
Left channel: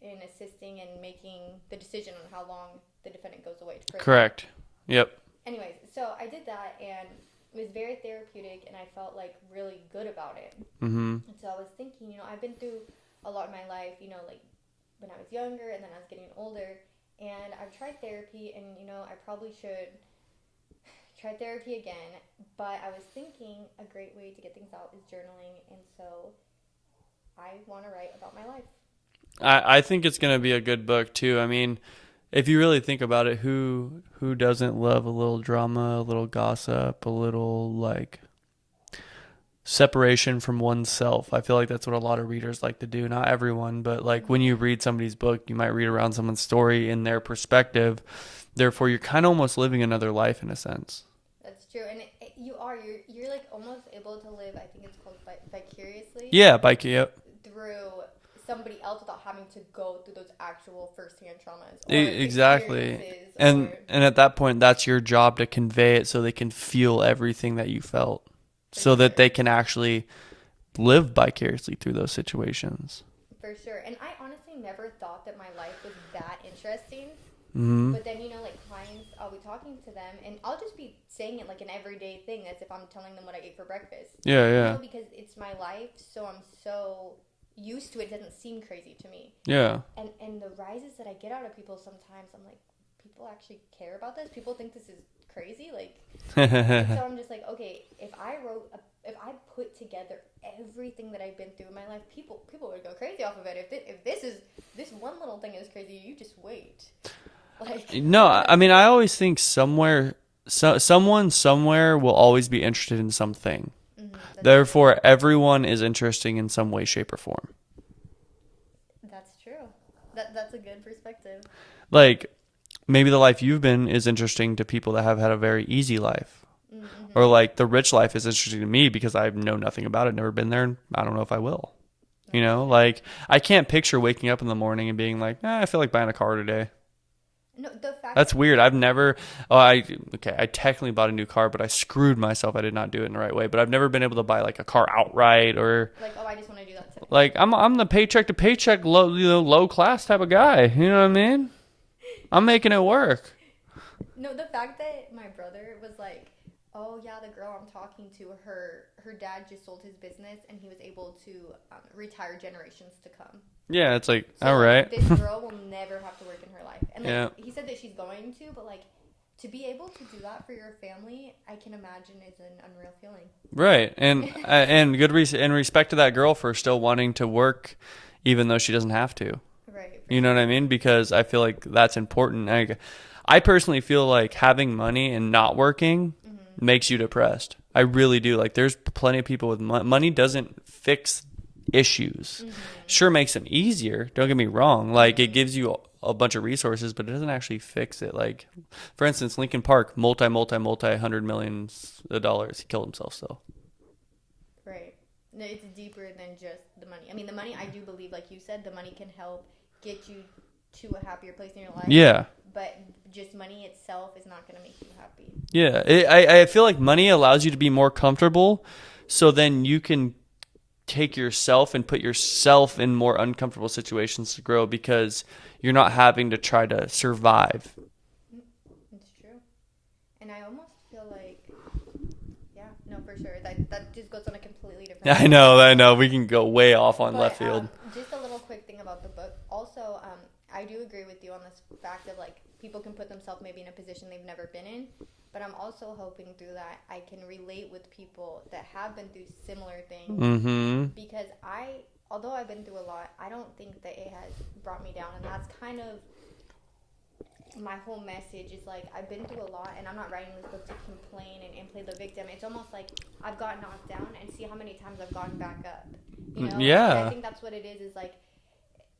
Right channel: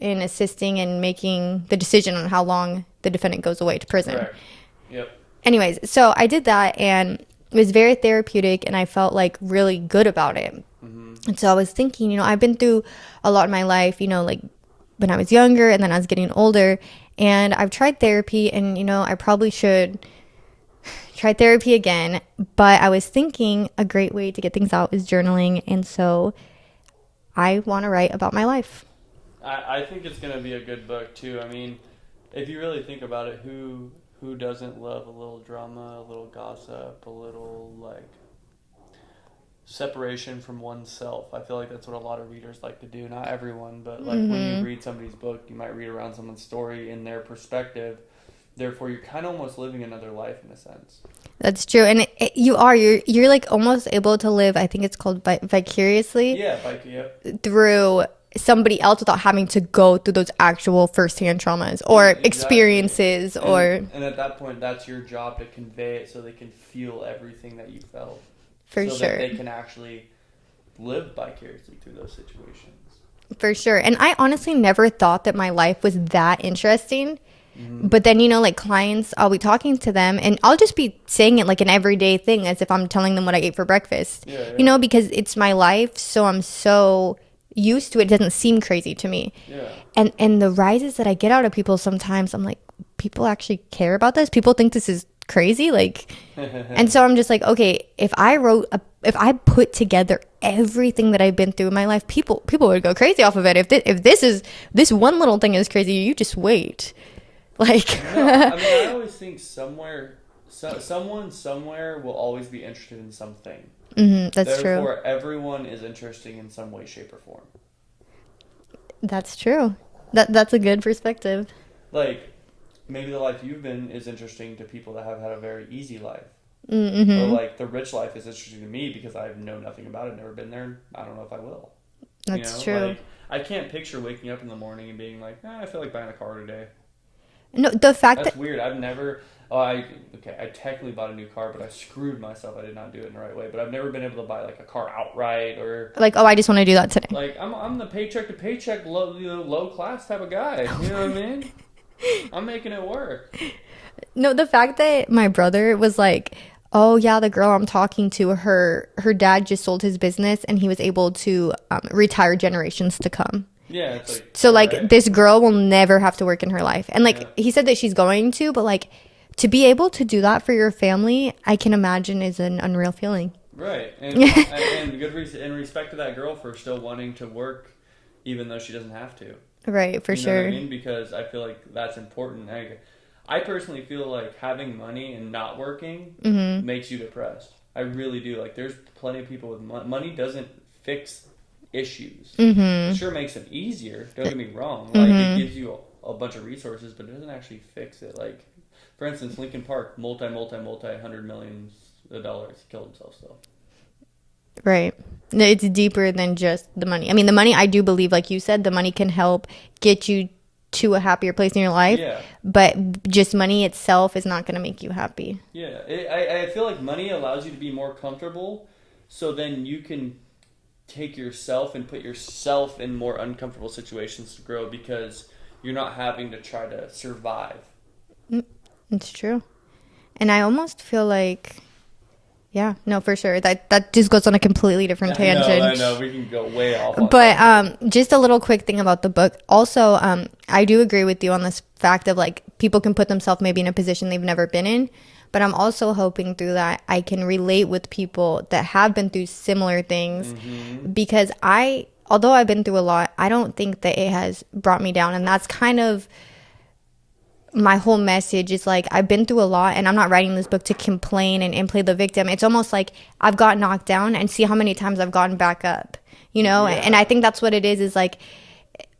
assisting and making the decision on how long the defendant goes away to prison. Correct. Yep. Anyways, so I did that, and It was very therapeutic, and I felt like really good about it. And so I was thinking, you know, I've been through a lot in my life, you know, like when I was younger and then I was getting older, and I've tried therapy, and, you know, I probably should try therapy again. But I was thinking a great way to get things out is journaling. And so I want to write about my life. I think it's going to be a good book too. I mean, if you really think about it, who doesn't love a little drama, a little gossip, a little like separation from oneself? I feel like that's what a lot of readers like to do. Not everyone, but like when you read somebody's book, you might read around someone's story in their perspective. Therefore, you're kind of almost living another life in a sense. That's true. And you're like almost able to live, I think it's called vicariously. Yeah, yep. Through somebody else without having to go through those actual firsthand traumas or experiences. And at that point, that's your job to convey it so they can feel everything that you felt. That they can actually live vicariously through those situations. For sure. And I honestly never thought that my life was that interesting. But then, you know, like clients, I'll be talking to them and I'll just be saying it like an everyday thing as if I'm telling them what I ate for breakfast. Yeah. You know, because it's my life. So I'm so used to it. It doesn't seem crazy to me. Yeah. And the rises that I get out of people sometimes, I'm like, people actually care about this? People think this is crazy? Like, and so I'm just like, okay, if I put together everything that I've been through in my life, people would go crazy off of it. If this one little thing is crazy, you just wait. Like, no, I mean, I always think someone somewhere will always be interested in something. Therefore, everyone is interesting in some way, shape, or form. That's true. That's a good perspective. Like, maybe the life you've been is interesting to people that have had a very easy life. Or like the rich life is interesting to me because I know nothing about it, never been there, and I don't know if I will. That's you know, true. like I can't picture waking up in the morning and being like, I feel like buying a car today. No, the fact that's weird. I've never. I technically bought a new car, but I screwed myself. I did not do it in the right way. But I've never been able to buy like a car outright or like, I just want to do that today. Like I'm the paycheck to paycheck low class type of guy. You know what I mean? I'm making it work. No, the fact that my brother was like, oh yeah, the girl I'm talking to, her dad just sold his business and he was able to retire generations to come. Yeah, it's like, so like right. This girl will never have to work in her life. And like he said that she's going to, but like to be able to do that for your family, I can imagine is an unreal feeling. Right. And good in respect to that girl for still wanting to work even though she doesn't have to. Right, for sure. You know what I mean? Because I feel like that's important. I personally feel like having money and not working makes you depressed. I really do. Like there's plenty of people with money doesn't fix issues. Sure makes them easier, don't get me wrong, like it gives you a bunch of resources, but it doesn't actually fix it. Like for instance, Linkin Park, multi $100 million he killed himself. So right, it's deeper than just the money. I mean, the money, I do believe, like you said, the money can help get you to a happier place in your life. Yeah, but just money itself is not going to make you happy. Yeah, I feel like money allows you to be more comfortable, so then you can take yourself and put yourself in more uncomfortable situations to grow because you're not having to try to survive. It's true. And I almost feel like, yeah, no, for sure. That just goes on a completely different tangent. I know. We can go way off on that. But just a little quick thing about the book. Also, I do agree with you on this fact of like people can put themselves maybe in a position they've never been in. But I'm also hoping through that I can relate with people that have been through similar things because although I've been through a lot, I don't think that it has brought me down. And that's kind of my whole message is like, I've been through a lot and I'm not writing this book to complain and play the victim. It's almost like I've got knocked down and see how many times I've gotten back up, you know? Yeah. And I think that's what it is like,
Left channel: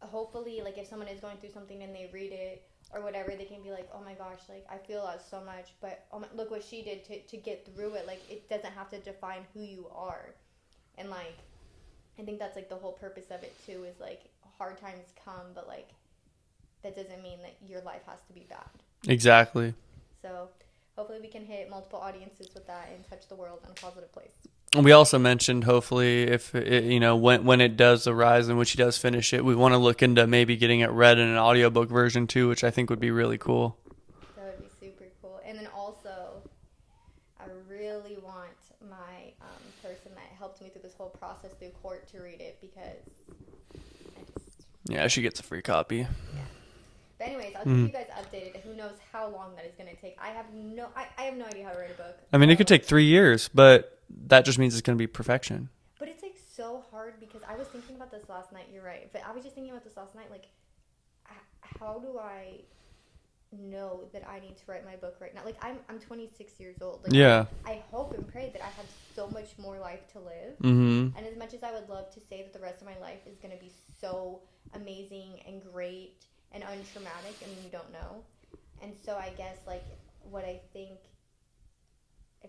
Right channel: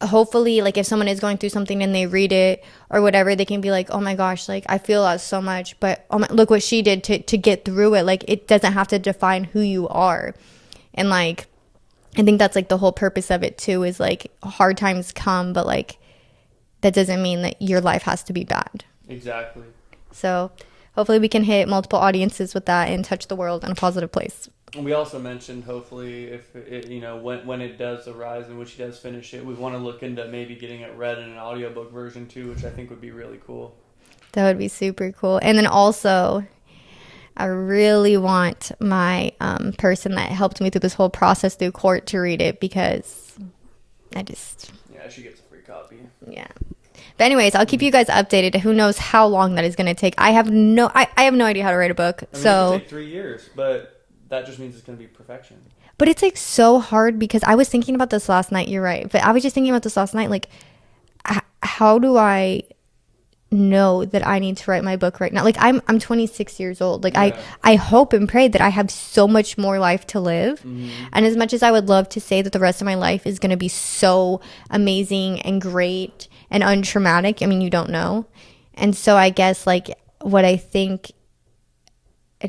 hopefully, like if someone is going through something and they read it or whatever, they can be like, oh my gosh, like I feel that so much, but look what she did to get through it. Like it doesn't have to define who you are. And like I think that's like the whole purpose of it too, is like hard times come, but like that doesn't mean that your life has to be bad. Exactly. So hopefully we can hit multiple audiences with that and touch the world in a positive place. We also mentioned hopefully if it, when it does arise and when she does finish it, we want to look into maybe getting it read in an audiobook version too, which I think would be really cool. That would be super cool. And then also I really want my person that helped me through this whole process through court to read it, because I just... Yeah, she gets a free copy. Yeah. But anyways, I'll keep you guys updated. Who knows how long that is going to take. I have no idea how to write a book. I mean, it could take 3 years, but that just means it's going to be perfection. But it's like so hard, because I was thinking about this last night. You're right. But I was just thinking about this last night. Like, how do I know that I need to write my book right now? Like, I'm 26 years old. Like, Yeah. I hope and pray that I have so much more life to live. And as much as I would love to say that the rest of my life is going to be so amazing and great and untraumatic, I mean, you don't know. And so I guess, like, what I think...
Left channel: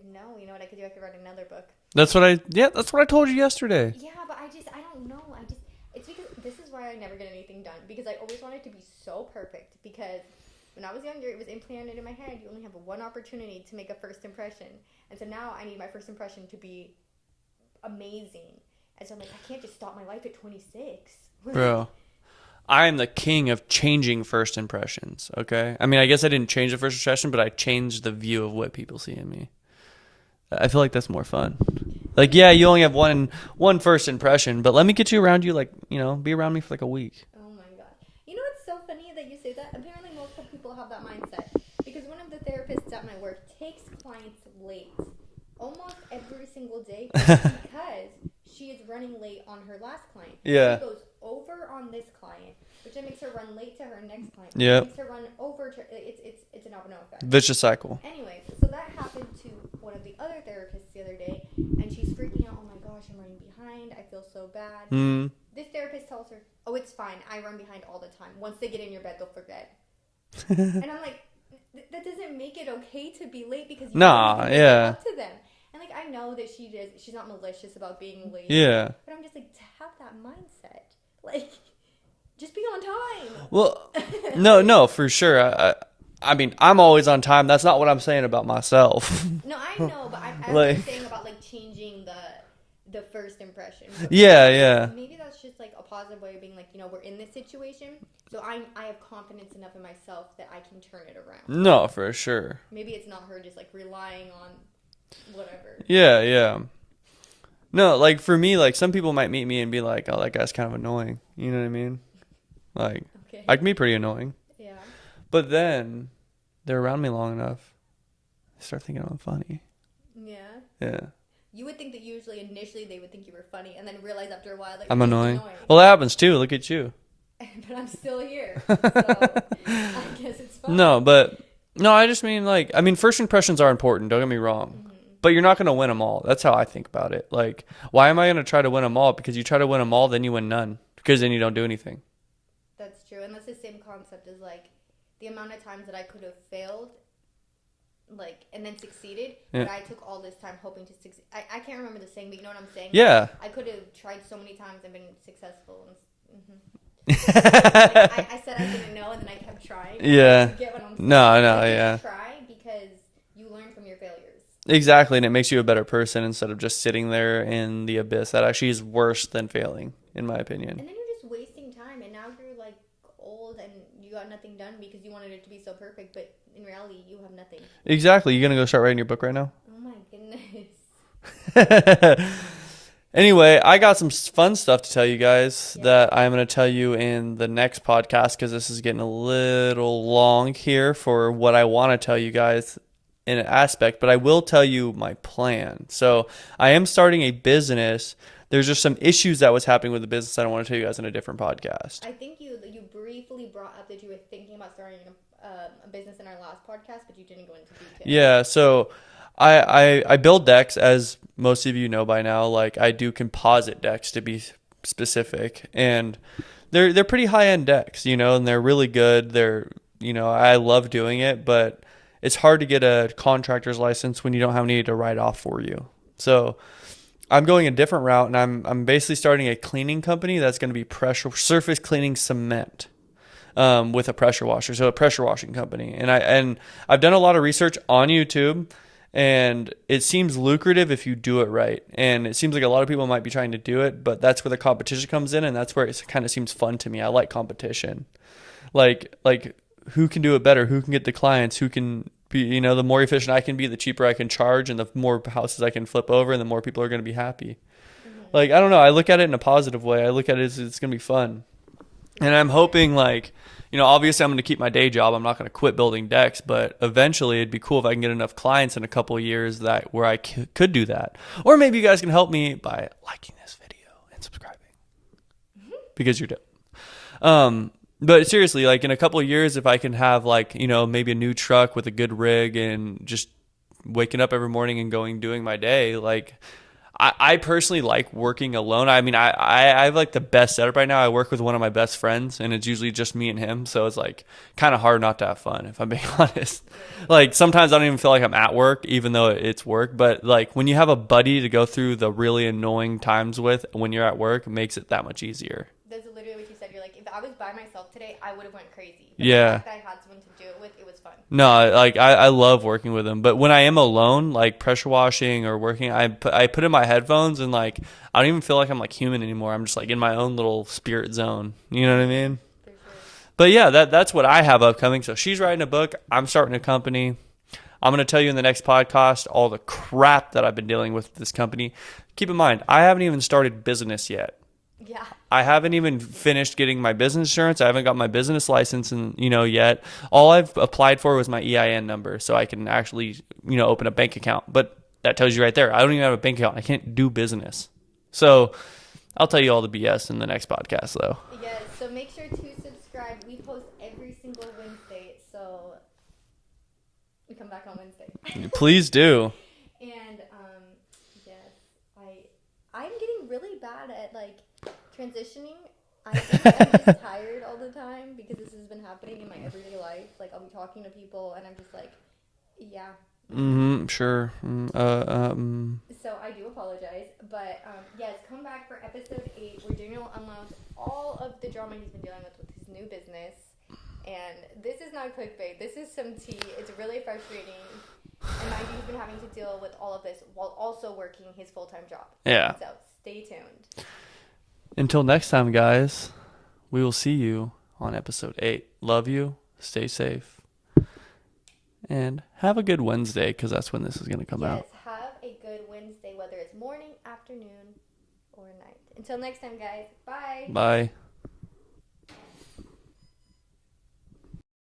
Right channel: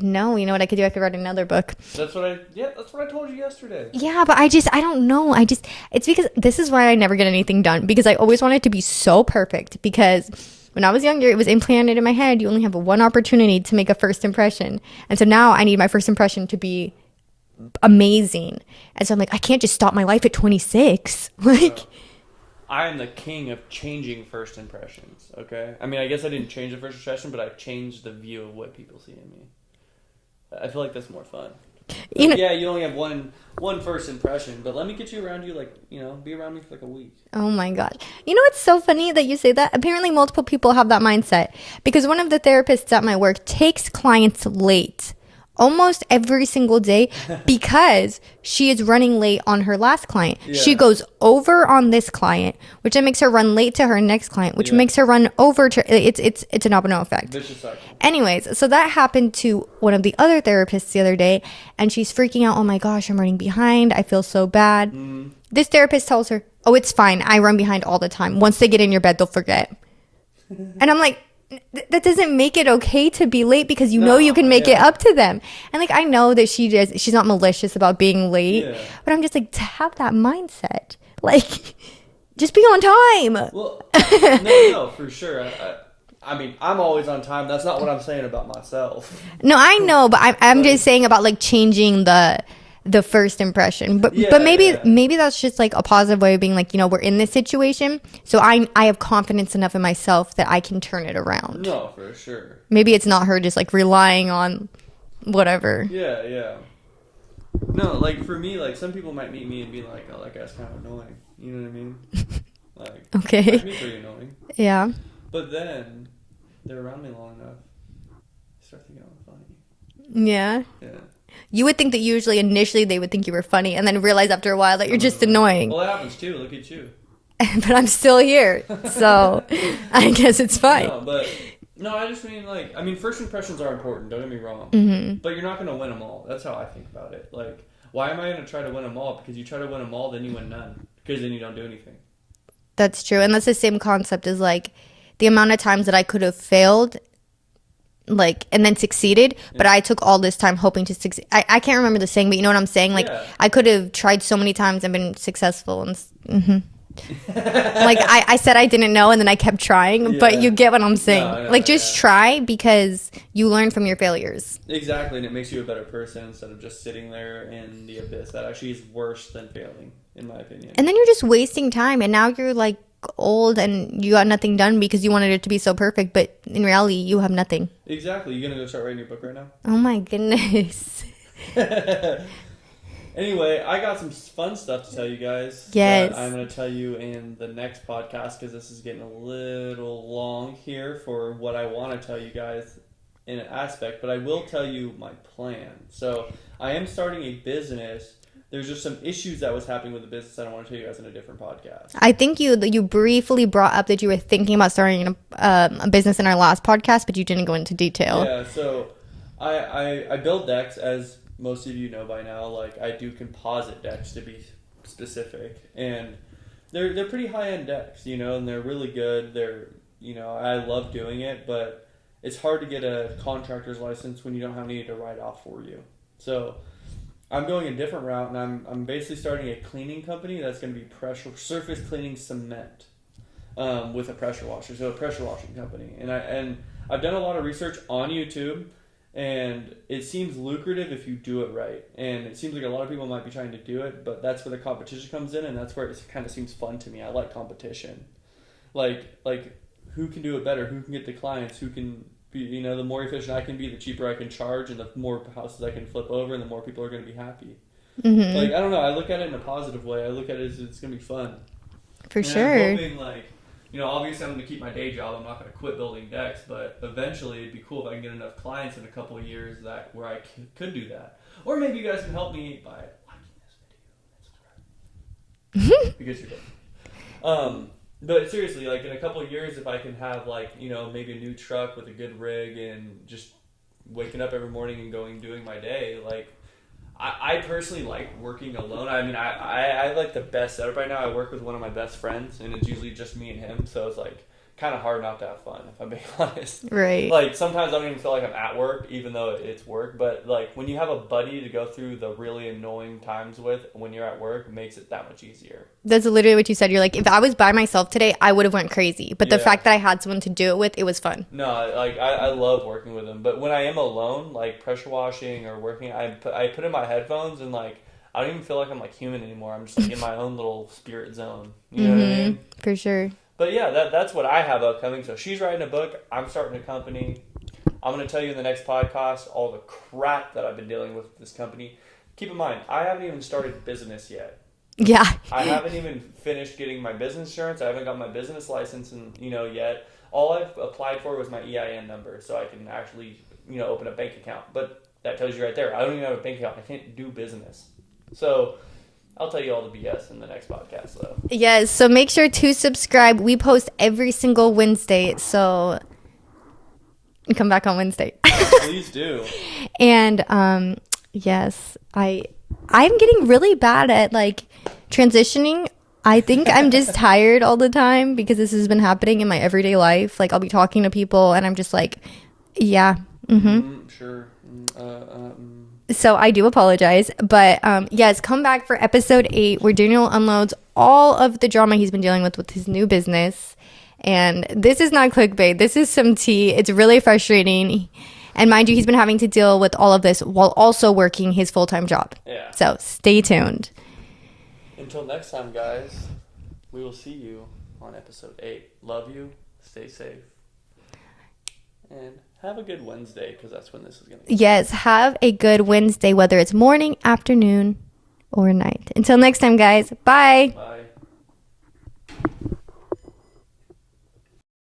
No, you know what I could do? I could write another book. That's what I told you yesterday. Yeah, but I don't know. It's because this is why I never get anything done, because I always want it to be so perfect. Because when I was younger, it was implanted in my head, you only have one opportunity to make a first impression. And so now I need my first impression to be amazing. And so I'm like, I can't just stop my life at 26. Like, Bro, I am the king of changing first impressions, okay? I mean, I guess I didn't change the first impression, but I changed the view of what people see in me. I feel like that's more fun. Like, yeah, you only have one first impression, but let me get you around you, like, you know, be around me for like a week. oh my God. You know what's so funny that you say that? Apparently multiple people have that mindset, because one of the therapists at my work takes clients late almost every single day because she is running late on her last client. Yeah. She goes over on this client, which then makes her run late to her next client, which makes her run over to... It's a domino effect. Vicious cycle. Anyways, so that happened to one of the other therapists the other day, and she's freaking out. Oh my gosh, I'm running behind. I feel so bad. This therapist tells her, oh, it's fine. I run behind all the time. Once they get in your bed, they'll forget. And I'm like, that doesn't make it okay to be late, because you know you can make it up to them. And like, I know that she's not malicious about being late. Yeah. But I'm just like, to have that mindset, like, just be on time. Well, no, for sure. I mean, I'm always on time. That's not what I'm saying about myself. No, I know, but I'm Like- just saying about like changing the first impression. But Yeah, maybe that's just like a positive way of being like, you know, we're in this situation, so I have confidence enough in myself that I can turn it around. No, for sure. Maybe it's not her just like relying on whatever. Yeah. No, like for me, like some people might meet me and be like, oh, that guy's kind of annoying. You know what I mean? Like, Okay. I can be pretty annoying. Yeah. But then they're around me long enough, I start thinking I'm funny. Yeah. Yeah. You would think that usually initially they would think you were funny, and then realize after a while that you're I'm just annoying. Well, that happens too. Look at you. But I'm still here, so I guess it's fine. No, I just mean like, I mean, first impressions are important. Don't get me wrong. But you're not going to win them all. That's how I think about it. Like, why am I going to try to win them all? Because you try to win them all, then you win none. Because then you don't do anything. That's true. And that's the same concept as like the amount of times that I could have failed, like, and then succeeded, but I took all this time hoping to succeed. I can't remember the saying, but you know what I'm saying? Like, Yeah. I could have tried so many times and been successful. And like, I said I didn't know, and then I kept trying, but you get what I'm saying. No, like, just try, because you learn from your failures. Exactly. And it makes you a better person instead of just sitting there in the abyss. That actually is worse than failing, in my opinion. And then you're just wasting time, and now you're like old and you got nothing done because you wanted it to be so perfect, but in reality you have nothing. Exactly. You gonna go start writing your book right now? Oh my goodness. Anyway, I got some fun stuff to tell you guys Yes. that I'm going to tell you in the next podcast, because this is getting a little long here for what I want to tell you guys in an aspect, but I will tell you my plan. So I am starting a business. There's just some issues that was happening with the business that I want to tell you guys in a different podcast. I think you briefly brought up that you were thinking about starting a business in our last podcast, but you didn't go into detail. Yeah, so I build decks, as most of you know by now. Like, I do composite decks, to be specific, and they're pretty high-end decks, you know, and they're really good. They're, you know, I love doing it, but it's hard to get a contractor's license when you don't have any to write off for you. So I'm going a different route, and I'm basically starting a cleaning company that's going to be pressure surface cleaning cement with a pressure washer, so a pressure washing company. And I've done a lot of research on YouTube, and it seems lucrative if you do it right. And it seems like a lot of people might be trying to do it, but that's where the competition comes in, and that's where it kind of seems fun to me. I like competition. Like who can do it better? Who can get the clients? Who can you know, the more efficient I can be, the cheaper I can charge, and the more houses I can flip over, and the more people are going to be happy. Like, I don't know. I look at it in a positive way. I look at it as it's going to be fun. For and sure. I'm hoping, like, you know, obviously I'm going to keep my day job. I'm not going to quit building decks, but eventually it'd be cool if I can get enough clients in a couple of years that where I could do that. Or maybe you guys can help me by liking this video and subscribing because you're dead. But seriously, like in a couple of years, if I can have like, you know, maybe a new truck with a good rig and just waking up every morning and doing my day, like I personally like working alone. I mean, I have like the best setup right now. I work with one of my best friends, and it's usually just me and him. So it's like kind of hard not to have fun, if I'm being honest. Right. Like sometimes I don't even feel like I'm at work, even though it's work. But like when you have a buddy to go through the really annoying times with when you're at work, it makes it that much easier. That's literally what you said. You're like, if I was by myself today, I would have went crazy. But the fact that I had someone to do it with, it was fun. No, like I love working with them. But when I am alone, like pressure washing or working, I put in my headphones and like I don't even feel like I'm like human anymore. I'm just like in my own little spirit zone. You know what I mean? For sure. But yeah, that's what I have upcoming. So she's writing a book. I'm starting a company. I'm going to tell you in the next podcast all the crap that I've been dealing with this company. Keep in mind, I haven't even started business yet. Yeah. I haven't even finished getting my business insurance. I haven't got my business license yet. All I've applied for was my EIN number so I can actually, open a bank account. But that tells you right there, I don't even have a bank account. I can't do business. So I'll tell you all the BS in the next podcast though. Yes. So make sure to subscribe. We post every single Wednesday. So come back on Wednesday. Please do. And yes, I'm getting really bad at like transitioning. I think I'm just tired all the time because this has been happening in my everyday life. Like I'll be talking to people and I'm just like, yeah. Sure. So I do apologize, but yes, come back for episode 8 where Daniel unloads all of the drama he's been dealing with his new business. And this is not clickbait. This is some tea. It's really frustrating. And mind you, he's been having to deal with all of this while also working his full-time job. Yeah. So stay tuned. Until next time, guys, we will see you on episode 8. Love you. Stay safe. And have a good Wednesday because that's when this is going to come out. Yes, have a good Wednesday, whether it's morning, afternoon, or night. Until next time, guys. Bye. Bye.